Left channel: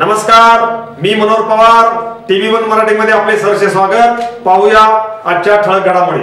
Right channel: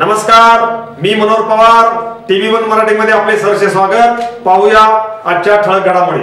नमस्कार मी Manohar Pawar TV one मराठीमध्ये आपले सरसे स्वागत. पाहूया आजच्या ठळक घडामोडी.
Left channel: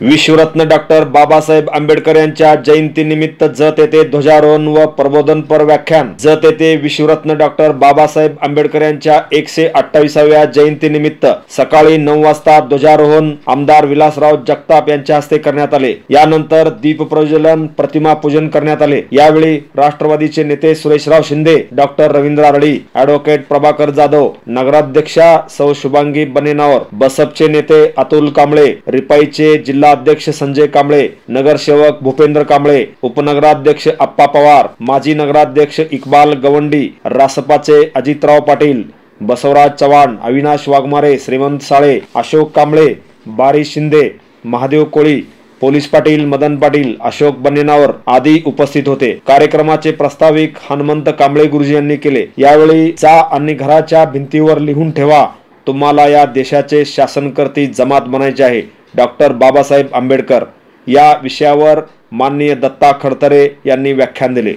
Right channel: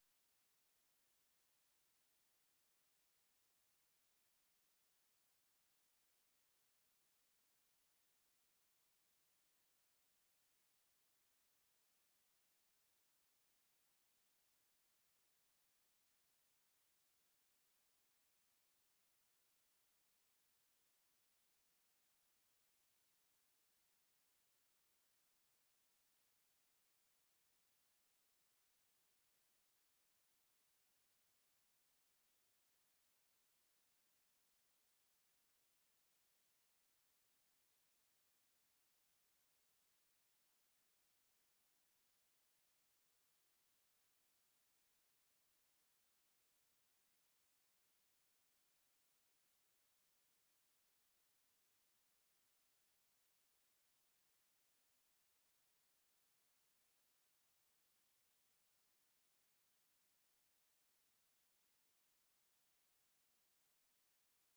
विश्वरत्न डॉक्टर बाबासाहेब आंबेडकर यांच्या जयंतीनिमित्त जत येथे ध्वजारोहण व प्रबोधनपर व्याख्यान. जत येथे विश्वरत्न डॉक्टर बाबासाहेब आंबेडकर यांच्या एकशे अठ्ठावीसाव्या जयंतीनिमित्त सकाळी नऊ वाजता ध्वजारोहण आमदार विलासराव जगताप यांच्या हस्ते करण्यात आले. यानंतर दीप प्रज्वलन प्रतिमा पूजन करण्यात आले. यावेळी राष्ट्रवादीचे नेते सुरेशराव शिंदे डॉक्टर रवींद्र रडी ऍडव्होकेट प्रभाकर जाधव नगराध्यक्षा सौ शुभांगी बनेनावर बसपचे नेते अतुल कांबळे रिपाईचे जिल्हा अध्यक्ष संजय कांबळे नगरसेवक भूपेंद्र कांबळे उपनगराध्यक्ष आप्पा पवार माजी नगराध्यक्ष इक्बाल गवंडी रासपाचे अजितराव पाटील बसवराज चव्हाण अविनाश वाघमारे श्रीमंत साळे अशोक कांबळे बारी शिंदे महादेव कोळी पोलीस पाटील मदन पाटील अशोक बन्नेनावर आदी उपस्थित होते. कार्यक्रमाचे प्रस्ताविक हनुमंत कांबळे गुरुजी यांनी केले. यावेळी चा आणि घराच्या भिंतीवर लिहून ठेवा. तुम्हाला या देशाचे शासनकर्ती जमात बनायचे आहे. डॉक्टर बाबासाहेब आंबेडकर या विषयावर माननीय दत्ता खडतरे यांनी व्याख्यान दिले.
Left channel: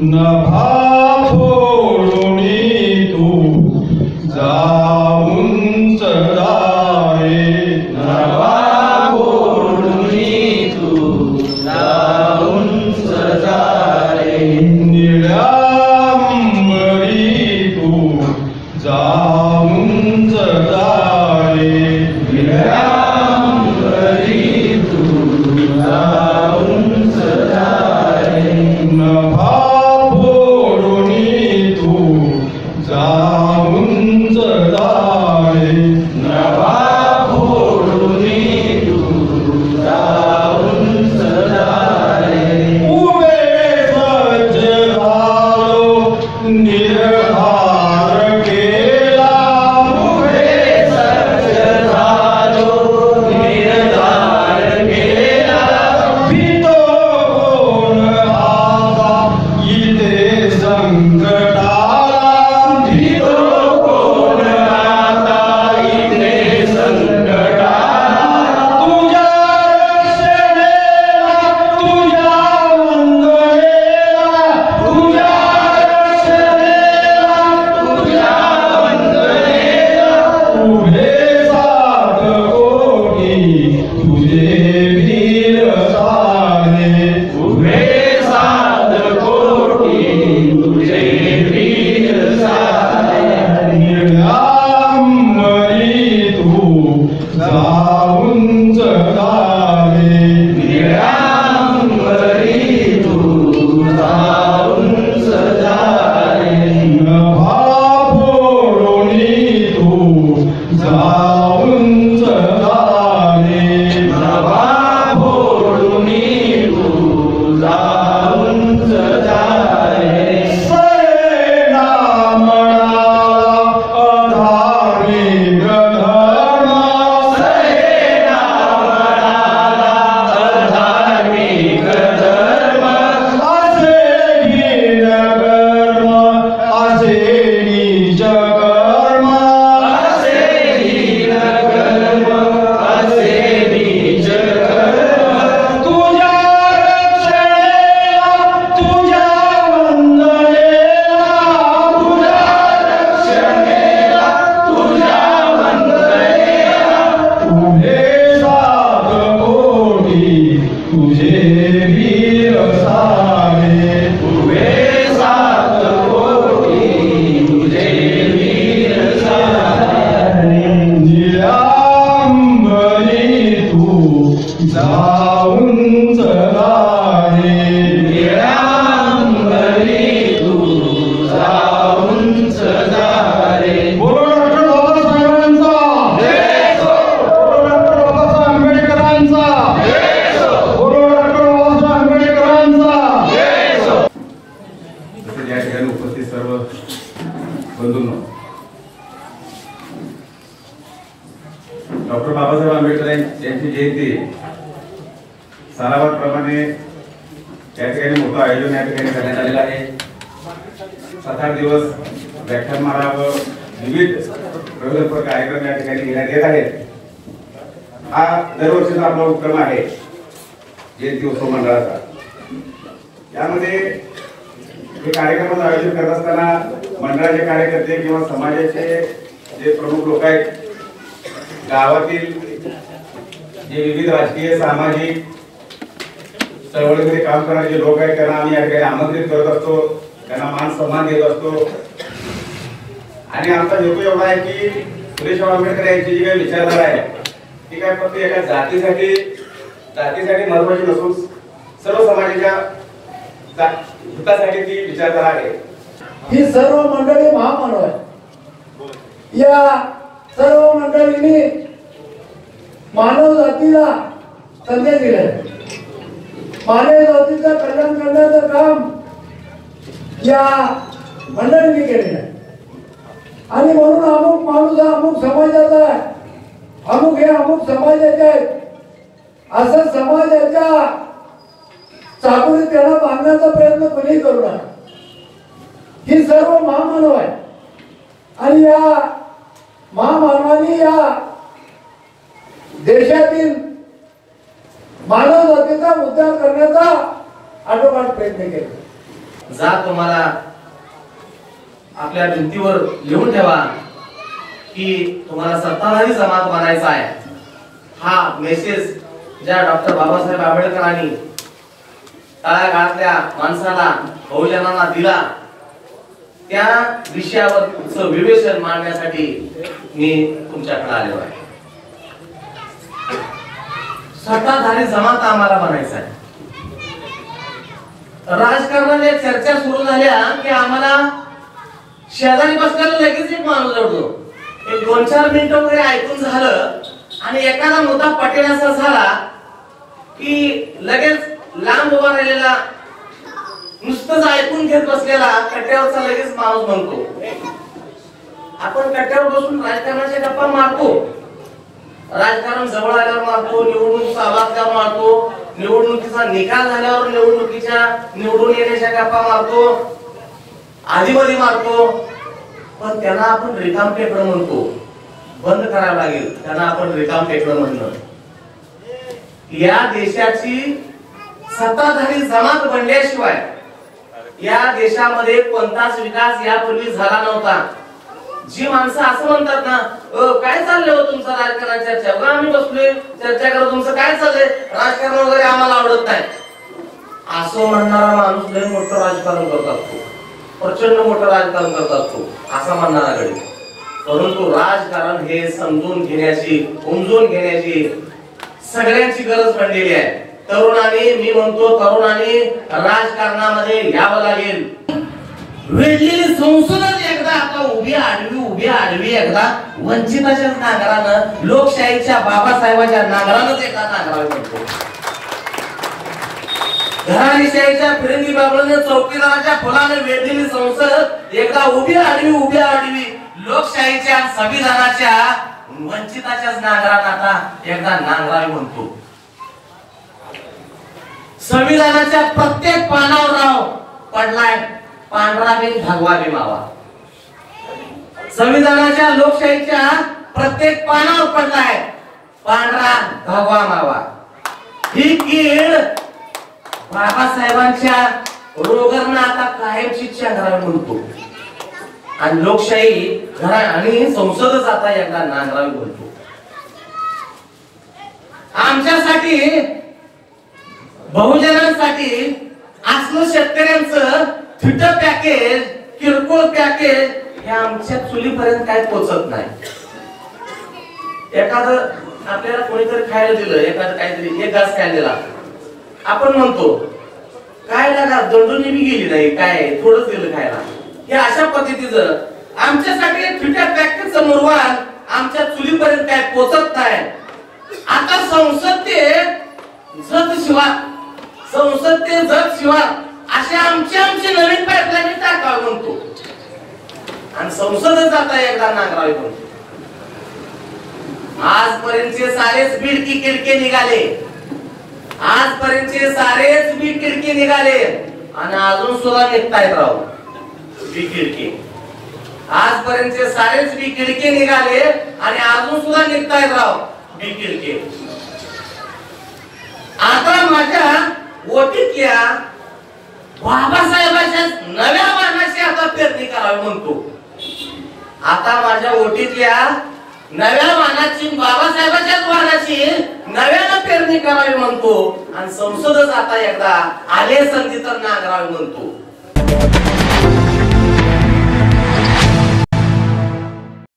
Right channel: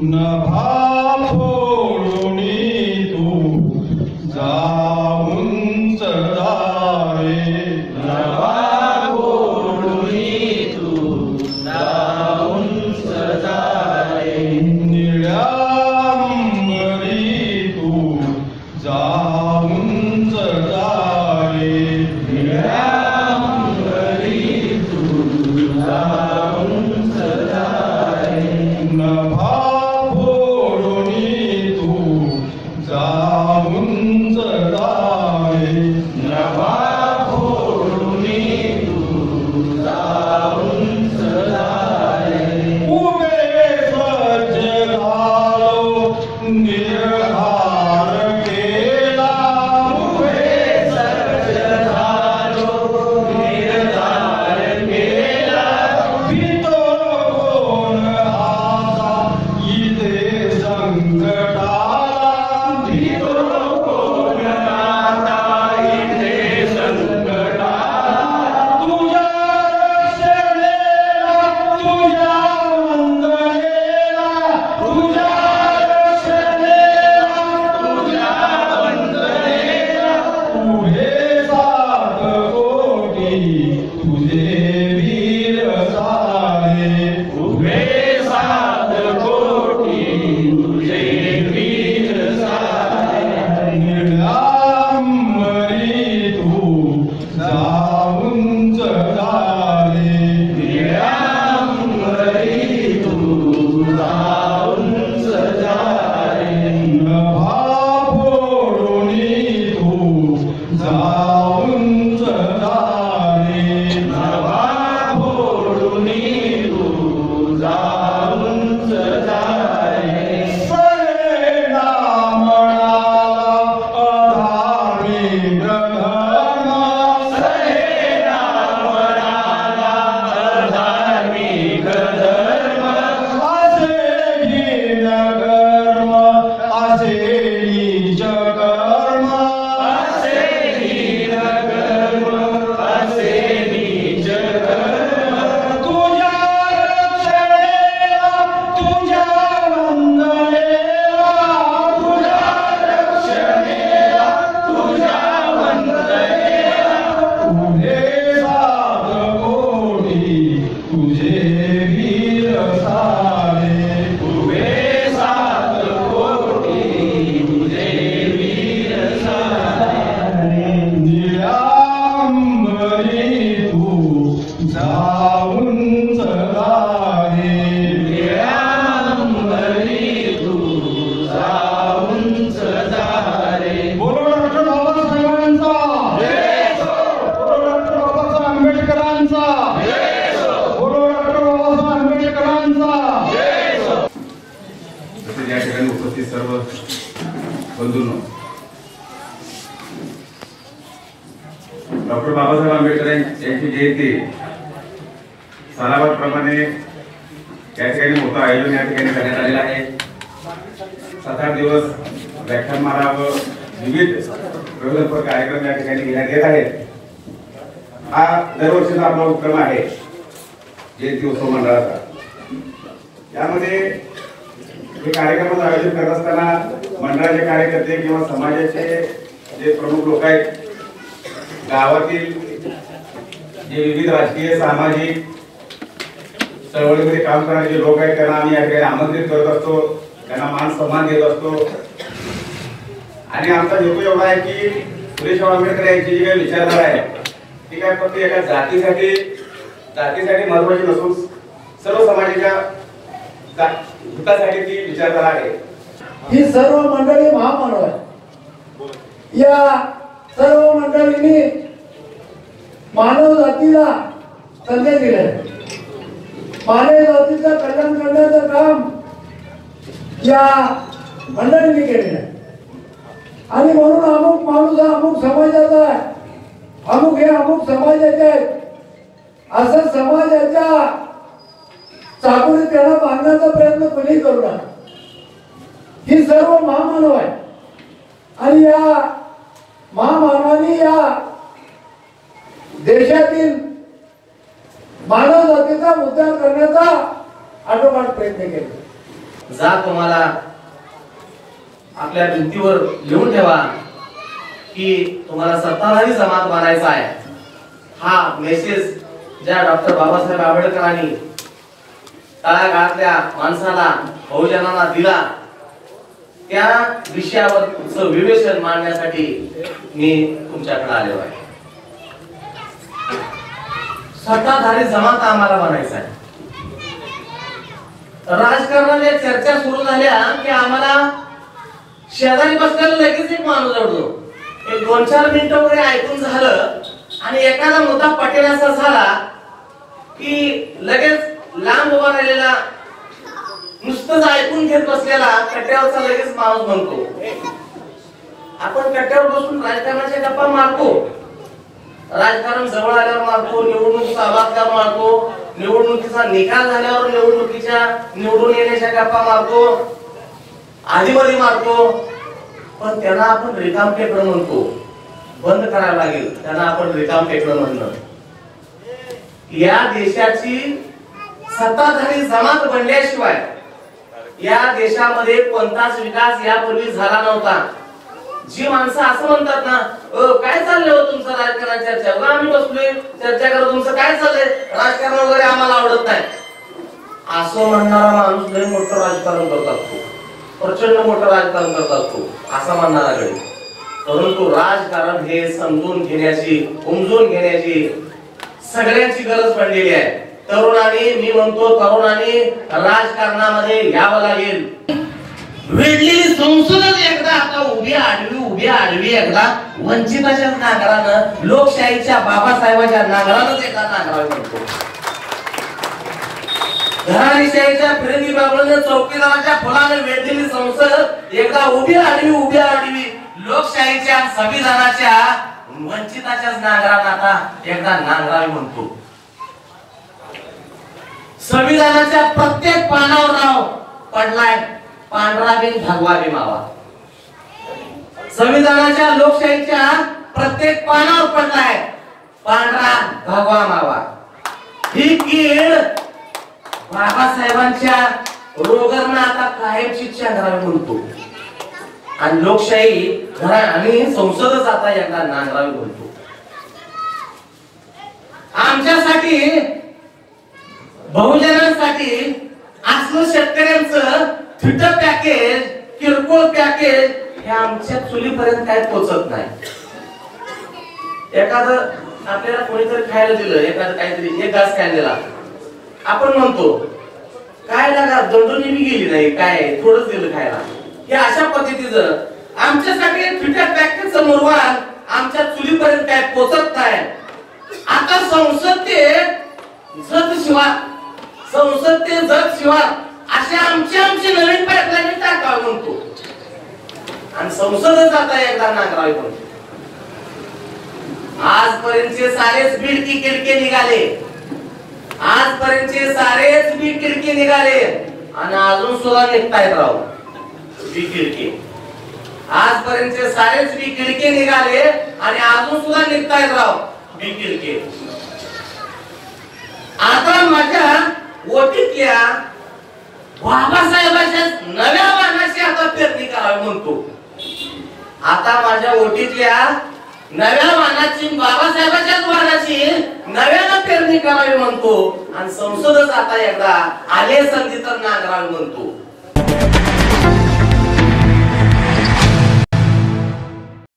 नभा Santa Amen. वीर सारे डॉक्टर बाबासाहेब आंबेडकर यांची जयंती सालाबादप्रमाणे त्या ठिकाणी मोठं आयोजन या ठिकाणी करण्यात आलेलं आहे. सात आठ दिवस व्याख्यानमाला व विविध प्रगल्प कार्यक्रम या ठिकाणी घेण्यात येत आहेत. हा दरवर्षीचा आपला उपक्रम आहे जयंती उत्सव मंडळाचा. यामध्ये हे कार्यक्रमाचं आयोजन करत असताना मंडळाचे कार्यकर्ते किंवा समाजाचे जे प्रमुख लोक आहेत गावातील जे विविध राजकीय सामाजिक चळवळीमध्ये काम करणारे जे लोक आहेत त्यांना आम्ही या ठिकाणी आमंत्रित करत असतो. त्यांना मान सन्मान देत असतो. आणि आमचा हेतू एवढा आहे की सुरेशराव आंबेडकर यांची जी काही विचारधारा आहे ती काय फक्त एका जातीसाठी जातीसाठी महत्वाची नसून सर्व समाजाच्या हितासाठी ती विचारधारा आहे. ही सर्व मंडळी महामानव आहे या सर्व मंडळींनी मानव जातीला संदेश दिला मानव जातीचं कल्याण करण्याचं काम या मंडळींनी केलेलं आहे. आणि म्हणून अमुक माणूस हा अमुक समाजाचा आहे. अमुक हे अमुक समाजाचे आहेत. असं समाजाच्या चाकुरी त्याला बांधण्याचा प्रयत्न कोणीही करू नका. ही सर्व महामानव आहे. आणि या महामानवानी या देशातील मानव जातीचा उद्धार करण्याचा आटोकाट प्रयत्न केला. जा तुम्हाला आपल्या भिंतीवर लिहून ठेवा की तुम्हाला सत्ताधारी समाज मानायचा आहे. हा मेसेज ज्या डॉक्टर बाबासाहेब आंबेडकरांनी तळागाळातल्या माणसाला बहुजनांना दिला. त्या विषयावर विवेचन मांडण्यासाठी मी तुमच्याकडे आलो आहे. सत्ताधारी जमात आम्हाला बनायचा आहे. राजकारणाने चर्चा सुरू झाल्या की आम्हाला शेजारी बसलेला लगेच एक माणूस जोडतो. एक दोन चार मिनिटं वगैरे ऐकून झालं आणि एखादा मुद्दा पटेलाचा झाला की लगेच लांब उभा राहिलेला नुसतंच ऐकून घेत बसलेला कट्ट्यावरचा लगेच माणूस म्हणतो आपण कट्ट्यावर बसून राजकारणाच्या गप्पा मारतो. राजकारण जवळ आल्यावर मारतो निवडणुकीचा आवाज मारतो निवडणुकीचा निकाल झाल्यावर निवडणुकीच्या निवडून येण्याच्या गप्पा मारतो आधीमध्ये मारतो. पण त्यांना आपण रिकाम टेकडं म्हणतो. बंद करायला लागेल त्यांना आपण रिकाम टेकडं म्हणणं या देशाची सत्ताधारी जमात बनल्याशिवाय या देशामध्ये कोणताच विकास यापूर्वी झाला नव्हता. जी माणसं असं म्हणतात ना "अ, काय चाललं हो तुमचं राजकारणाच्या चर्चा? आम्ही बसलोय चर्चा करत तुमचं काय चाललंय? राजकारण वगैरे आम्हाला आवडत नाही. असं म्हणणारा माणूस लय मोठं राजकारण करत असतो. प्रचंड मोठं राजकारण करत असतो. असं म्हणणारा गडी परंतु राजकारण हे समजून घेण्याची उमजून घेण्याची सगळ्यांची गरज पडलेली आहे. तरुणाने मी म्हणतो तरुणाने राजकारणामध्ये यावं लागेल. वेगळी संसदच एकदा आता उभी आडवी उभी आडवी एकदा वंचिताच्या नागरानं लोकशाहीच्या बाबासाहेबाच्या नांगरानंच एकदा नांगरावं म्हणतो घराणीशाहीच्या फिरंगी बाबळनं चौकीदाराच्या फुलाने वेढलेली संसद एकदा उभी आडवी उभी आडवी लोकशाहीच्या संविधानाच्या वंचिताच्याच नांगरानं आता एकदा नांगरावी म्हणतो. संविधानाच्या प्रत्येक पानावर नाव पडलाय. पांढरा बिन भगवा बी बाबा. संविधानाच्या लोकशाहीच्या प्रत्येक पानावर पडलाय. पांढरा भगवा बाबा. ही कीड बाबासाहेबांच्या रोगांना आता कायमची घरावी म्हणतो आणि लोकशाही घरा आणि संसदच आता यांना नांदरावी बोलतो आमच्यासाठी बहुजनांसाठी असलं शेतकऱ्यांचं फिटर पॅकेज किरकोळ पॅकेज हे आमच्या चुलीपर्यंत काय पोचत नाही. एखादं आपल्याला कोणीतरी खायला दिलं एखादं काहीतरी एक घास खायला दिला. आपण म्हणतो काय लागा दंडून बी गेली नाही काय थोडंच दिलं खायला. हे अशा पद्धतीचं आमच्यासाठी फिटर पॅकेजचं मुरवान आमच्या चुलीपर्यंत काय पोचत नाही. आता संसद ते जत शिवाय संसद जग जत शिवाय असे आमचे आमचे नवीन पाईपलाईन टाकावे म्हणतो आणि संसदच आता एकदा नांगरावी म्हणतो आजपर्यंतचे सारेच बिडकी किडके निघाले. आजपर्यंतचे सारेच बी किडके निघाले. आणि अजून सुद्धा निघतायत राव. बी किडके आजपर्यंतचे सारेच बी किडके निघाले आणि अजून सुद्धा निघतायत राव बी किडके आता माझ्या ओटीतल्या बाबासाहेबाच्या नव्या वाहनाची आता पेरणी करावी म्हणतो. आता माझ्या ओटीतल्या नव्या वाहनाची बाबासाहेबाच्याच वाहनाची नव्यानं पेरणी करावी म्हणतो आणि संसदच आता एकदा आले संधी तर नांगरावी म्हणतो.